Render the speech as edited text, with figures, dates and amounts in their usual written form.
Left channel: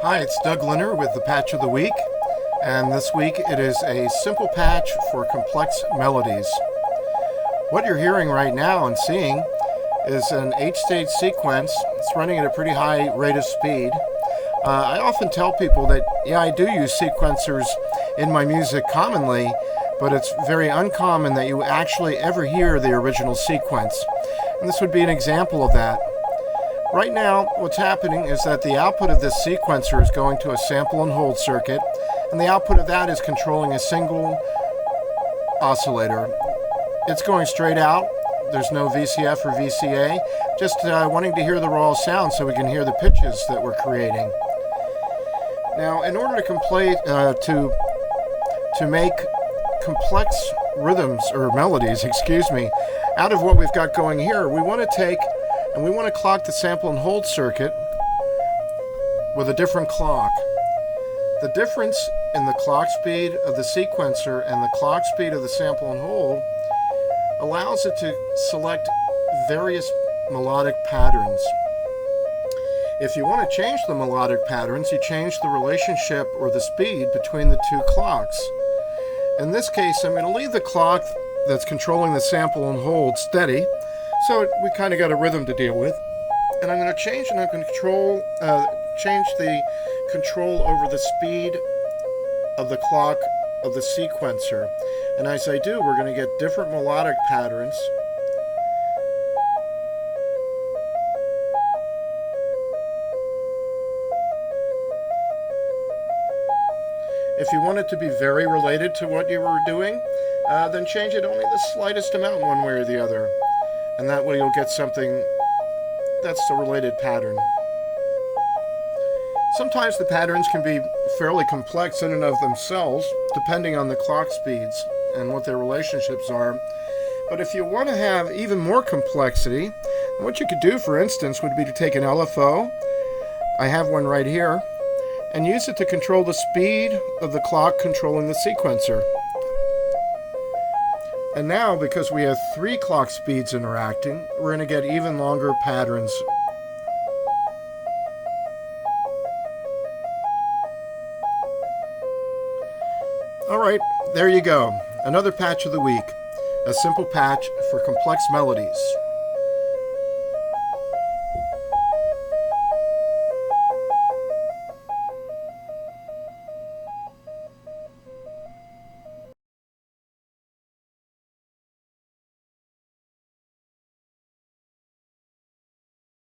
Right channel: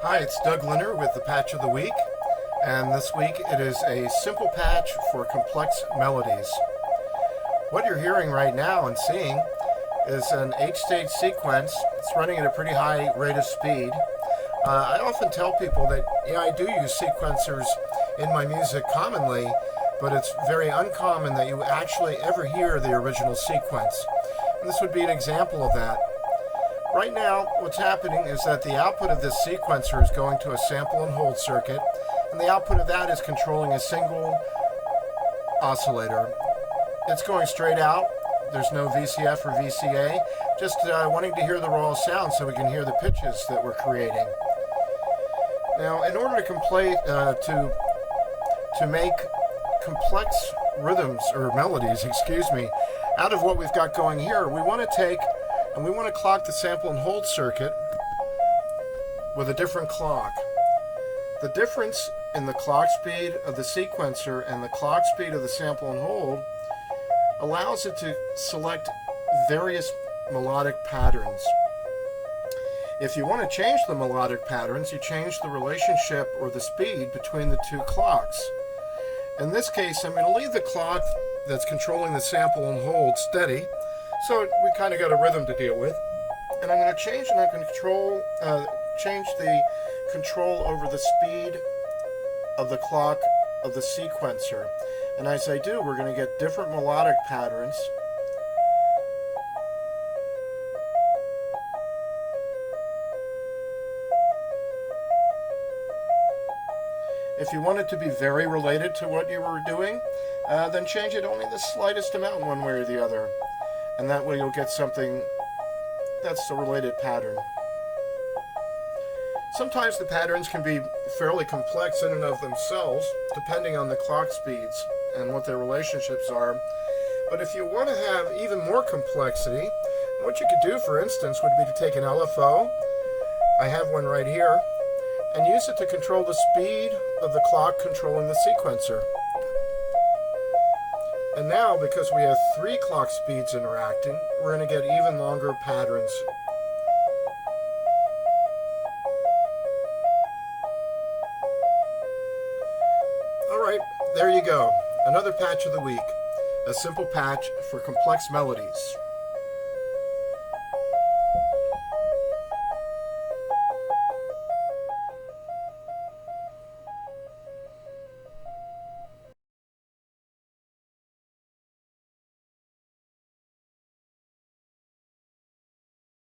Hi, it's Doug Lynner with the Patch of the Week, and this week it is a simple patch for complex melodies. What you're hearing right now and seeing is an 8-stage sequence. It's running at a pretty high rate of speed. I often tell people that, I do use sequencers in my music commonly, but it's very uncommon that you actually ever hear the original sequence. And this would be an example of that. Right now, what's happening is that the output of this sequencer is going to a sample and hold circuit, and the output of that is controlling a single oscillator. It's going straight out. There's no VCF or VCA, just wanting to hear the raw sound so we can hear the pitches that we're creating. Now, in order to make complex rhythms, or melodies, out of what we've got going here, we want to clock the sample and hold circuit with a different clock. The difference in the clock speed of the sequencer and the clock speed of the sample and hold allows it to select various melodic patterns. If you want to change the melodic patterns, you change the relationship or the speed between the two clocks. In this case, I'm going to leave the clock that's controlling the sample and hold steady, so we kind of got a rhythm to deal with. And I'm going to change the control over the speed of the clock of the sequencer. And as I do, we're going to get different melodic patterns. If you want it to be very related to what you were doing, then change it only the slightest amount one way or the other. And that way you'll get something that's a related pattern. Sometimes the patterns can be fairly complex in and of themselves, depending on the clock speeds and what their relationships are. But if you want to have even more complexity, what you could do, for instance, would be to take an LFO, I have one right here, and use it to control the speed of the clock controlling the sequencer. And now, because we have 3 clock speeds interacting, we're going to get even longer patterns. Alright, there you go. Another patch of the week. A simple patch for complex melodies.